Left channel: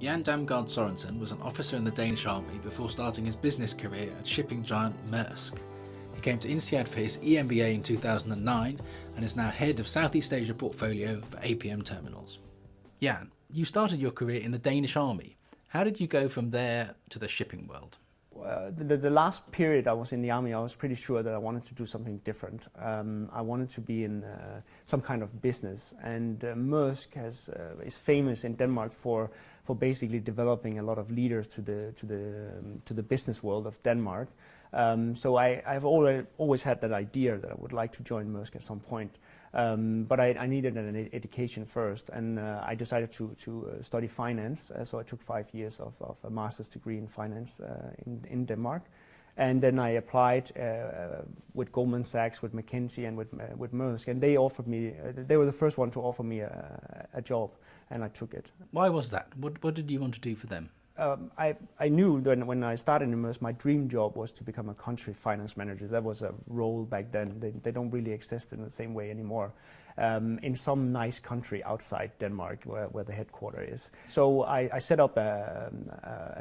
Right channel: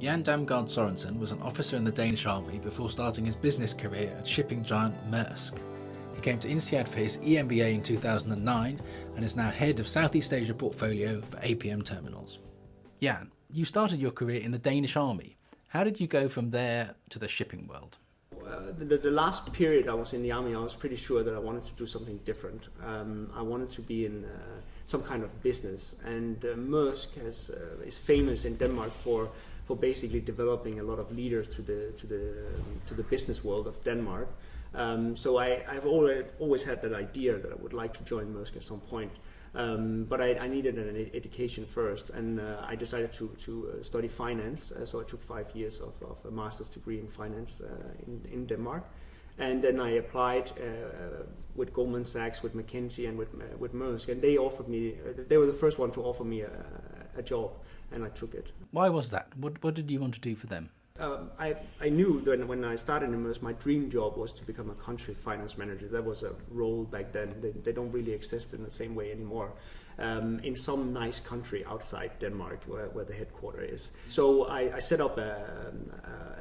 Damgaard Sorensen was an officer in the Danish army before starting his business career at shipping giant Maersk. He came to INSEAD for his EMBA in 2009 and is now head of Southeast Asia portfolio for APM Terminals. Jan, you started your career in the Danish army. How did you go from there to the shipping world? The last period I was in the army, I was pretty sure that I wanted to do something different. I wanted to be in some kind of business, and Maersk is famous in Denmark for basically developing a lot of leaders to the business world of Denmark. So I've always had that idea that I would like to join Maersk at some point. But I needed an education first, and I decided to study finance. So I took 5 years of a master's degree in finance in Denmark, and then I applied with Goldman Sachs, with McKinsey, and with Maersk, and they offered me. They were the first one to offer me a job, and I took it. Why was that? What did you want to do for them? I knew that when I started in Maersk, my dream job was to become a country finance manager. That was a role back then. They don't really exist in the same way anymore. In some nice country outside Denmark where the headquarters is. So I set up a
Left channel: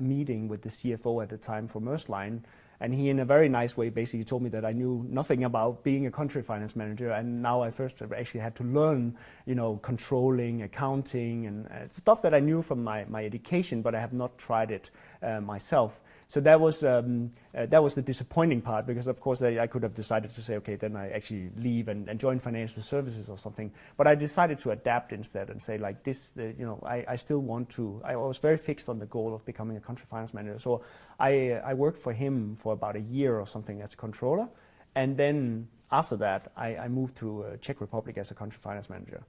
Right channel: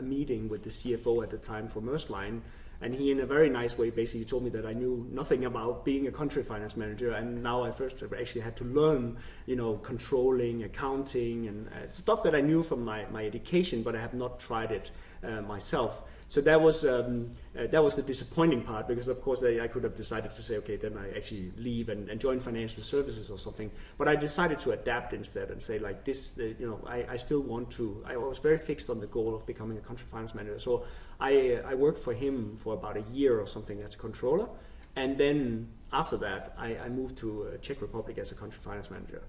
meeting with the CFO at the time for Maersk Line, and he, in a very nice way, basically told me that I knew nothing about being a country finance manager, and now I first actually had to learn, controlling, accounting, and stuff that I knew from my education, but I have not tried it myself. So that was the disappointing part, because of course I could have decided to say, okay, then I actually leave and join financial services or something. But I decided to adapt instead and say, like, this, I still want to. I was very fixed on the goal of becoming a country finance manager. So I worked for him for about a year or something as a controller, and then after that I moved to Czech Republic as a country finance manager.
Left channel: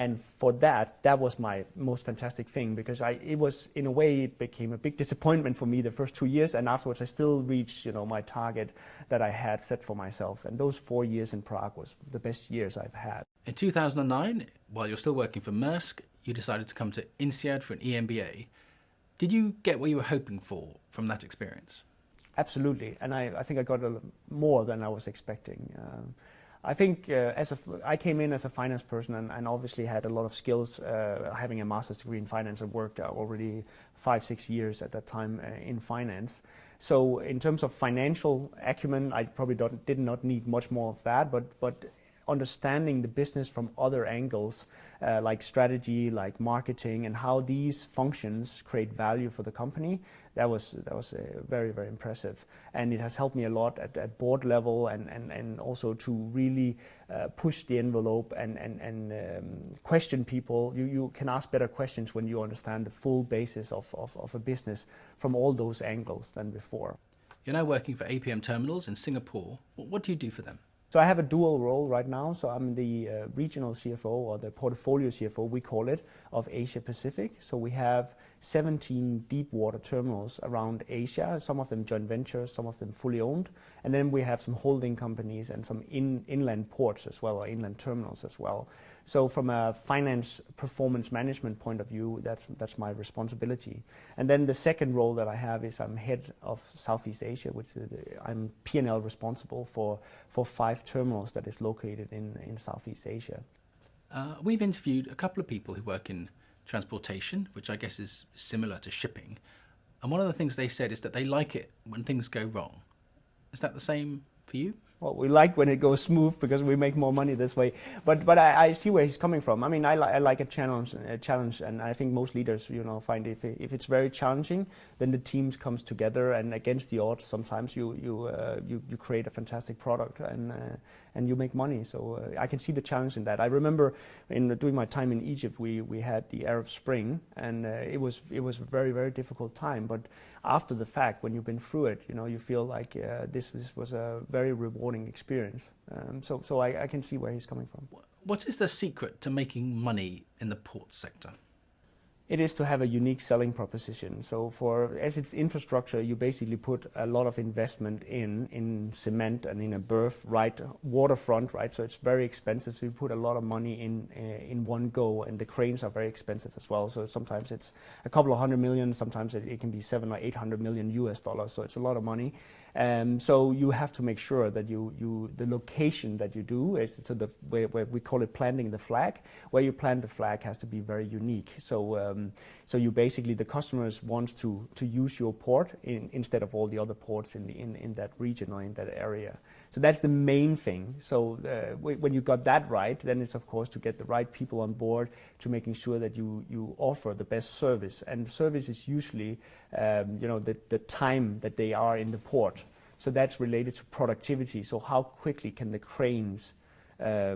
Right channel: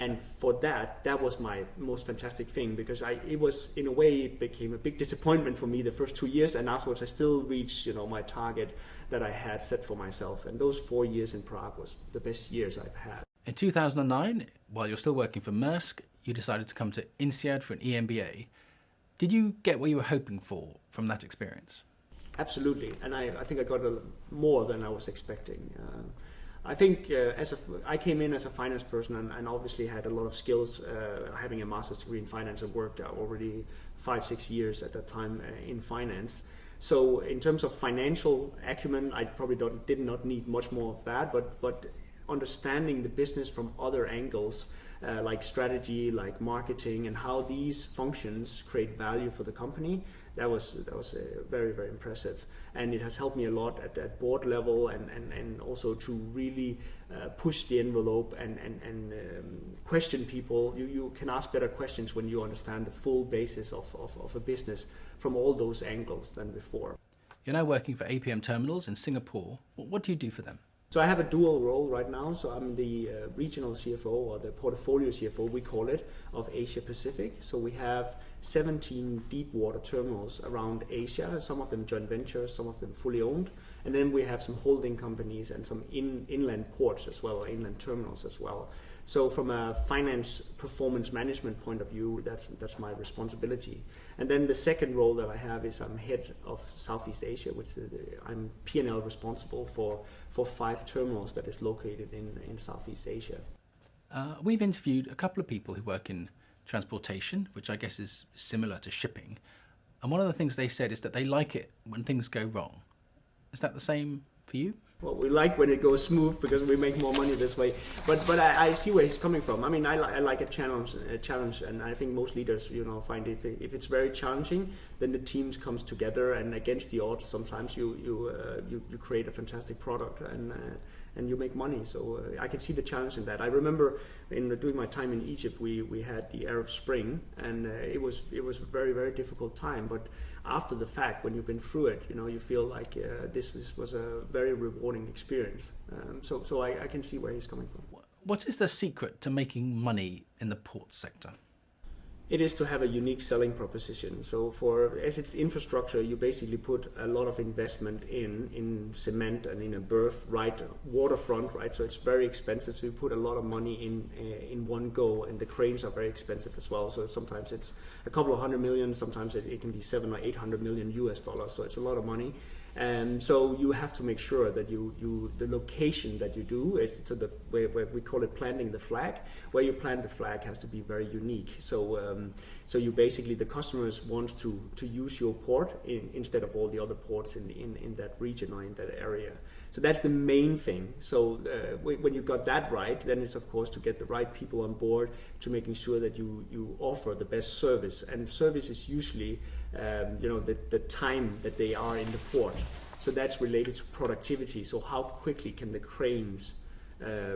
And for that was my most fantastic thing, because it was, in a way, it became a big disappointment for me the first 2 years, and afterwards I still reached, my target that I had set for myself. And those 4 years in Prague was the best years I've had. In 2009, while you're still working for Maersk, you decided to come to INSEAD for an EMBA. Did you get what you were hoping for from that experience? Absolutely, and I think I got more than I was expecting. I think I came in as a finance person and obviously had a lot of skills, having a master's degree in finance, and worked already 5-6 years at that time in finance. So in terms of financial acumen, I probably did not need much more of that, but understanding the business from other angles, like strategy, like marketing, and how these functions create value for the company, that was very, very impressive. And it has helped me a lot at board level, and also to really push the envelope and question people. You can ask better questions when you understand the full basis of a business from all those angles than before. You're now working for APM Terminals in Singapore. What do you do for them? So I have a dual role right now. So I'm the regional CFO, or the portfolio CFO, we call it, of Asia Pacific. So we have 17 deep water terminals around Asia, some of them joint ventures, some of them fully owned. And then we have some holding companies and some inland ports as well, or inland terminals as well. So from a finance performance management point of view, that's my responsibility. And then the second role that I have is I'm head of Southeast Asia, which I'm P&L responsible for 5 terminals that is located in Southeast Asia. We've interviewed a couple of people who work in transportation, which I guess is similar to shipping. And one of the things they said is that they like it when things go wrong. Is that the same for you? Well, we like when it goes smooth because we make more money this way. But I see where he's coming from. I mean, I like a challenge, and I think most leaders, find if it's very challenging, then the teams comes together, and against the odds, sometimes you create a fantastic product and you make money. So I can see the challenge in that. I remember during my time in Egypt, we had the Arab Spring, and it was a very, very difficult time. But after the fact, when you've been through it, you feel like this was a very rewarding experience. So I can see where he's coming from. What is the secret to making money in the port sector? It is to have a unique selling proposition. So as it's infrastructure, you basically put a lot of investment in cement and in a berth, right, waterfront, right? So it's very expensive. So you put a lot of money in one go, and the cranes are very expensive as well. So sometimes it's a couple of $100 million, sometimes it can be $700 or $800 million US dollars. So it's a lot of money. So you have to make sure that the location that you do is to the where we call it planting the flag. Where you plant the flag has to be very unique. So you basically, the customers wants to use your port instead of all the other ports in that region or in that area. So that's the main thing. So when you got that right, then it's of course to get the right people on board, to making sure that you offer the best service. And service is usually the time that they are in the port. So that's related to productivity. So how quickly can the cranes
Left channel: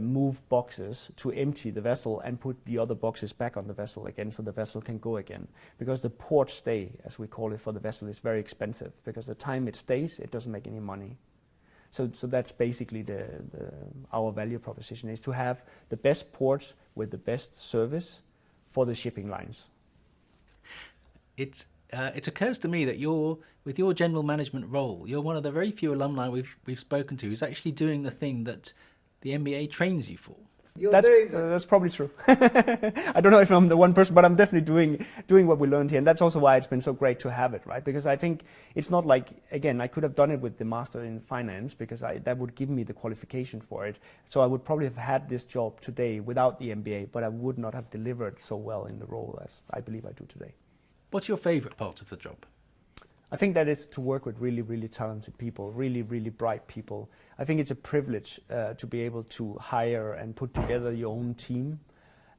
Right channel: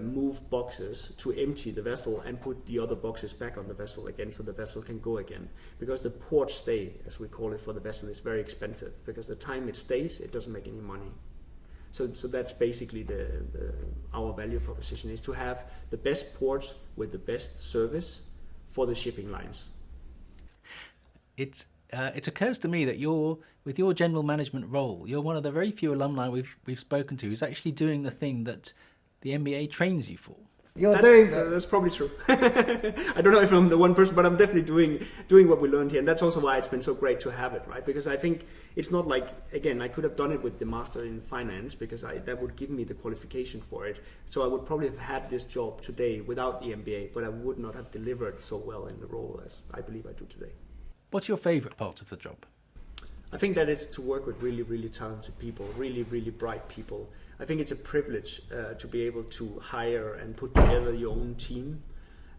move boxes to empty the vessel and put the other boxes back on the vessel again, so the vessel can go again. Because the port stay, as we call it for the vessel, is very expensive, because the time it stays, it doesn't make any money. So that's basically our value proposition, is to have the best ports with the best service for the shipping lines. It occurs to me that with your general management role, you're one of the very few alumni we've spoken to who's actually doing the thing that the MBA trains you for. That's probably true. I don't know if I'm the one person, but I'm definitely doing what we learned here, and that's also why it's been so great to have it, right? Because I think it's not like, again, I could have done it with the master in finance, because that would give me the qualification for it. So I would probably have had this job today without the MBA, but I would not have delivered so well in the role as I believe I do today. What's your favourite part of the job? I think that is to work with really, really talented people, really, really bright people. I think it's a privilege to be able to hire and put together your own team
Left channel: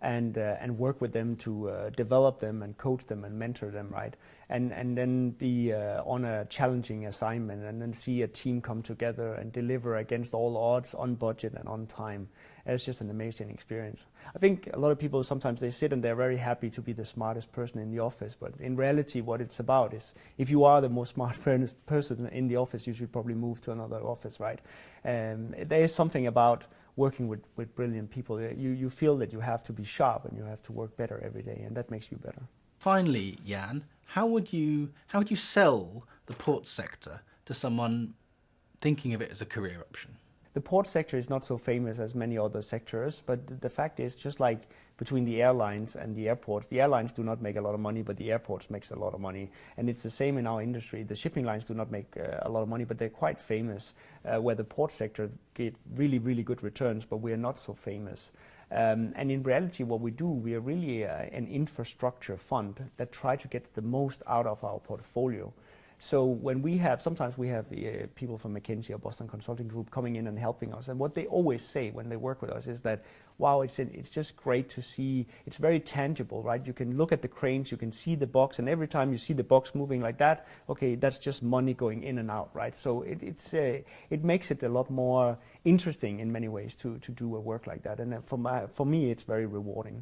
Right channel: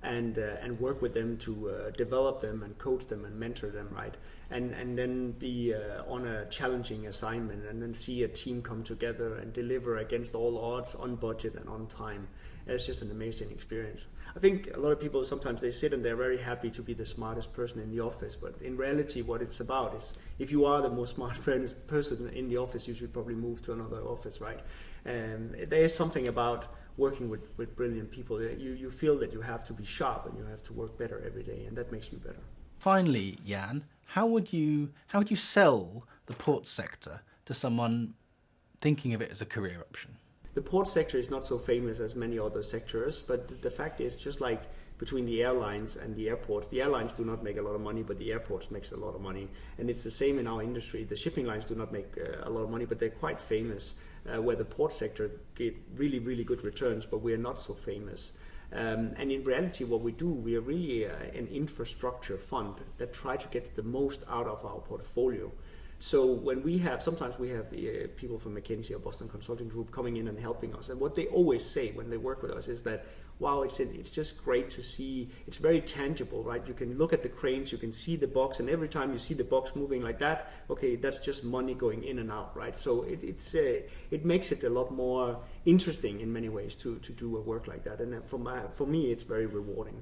and work with them to develop them and coach them and mentor them, right? And then be on a challenging assignment, and then see a team come together and deliver against all odds, on budget and on time. And it's just an amazing experience. I think a lot of people, sometimes they sit and they're very happy to be the smartest person in the office, but in reality what it's about is, if you are the most smart person in the office, you should probably move to another office, right? There is something about working with brilliant people. You feel that you have to be sharp and you have to work better every day, and that makes you better. Finally, Jan, how would you sell the port sector to someone thinking of it as a career option? The port sector is not so famous as many other sectors, but the fact is, just like between the airlines and the airports, the airlines do not make a lot of money, but the airports makes a lot of money. And it's the same in our industry. The shipping lines do not make a lot of money, but they're quite famous, where the port sector get really, really good returns, but we're not so famous. And in reality, what we do, we are really an infrastructure fund that try to get the most out of our portfolio. So when sometimes we have people from McKinsey or Boston Consulting Group coming in and helping us, and what they always say when they work with us is that, wow, it's just great to see, it's very tangible, right? You can look at the cranes, you can see the box, and every time you see the box moving like that, okay, that's just money going in and out, right? So it makes it a lot more interesting in many ways to do a work like that, and for me, it's very rewarding.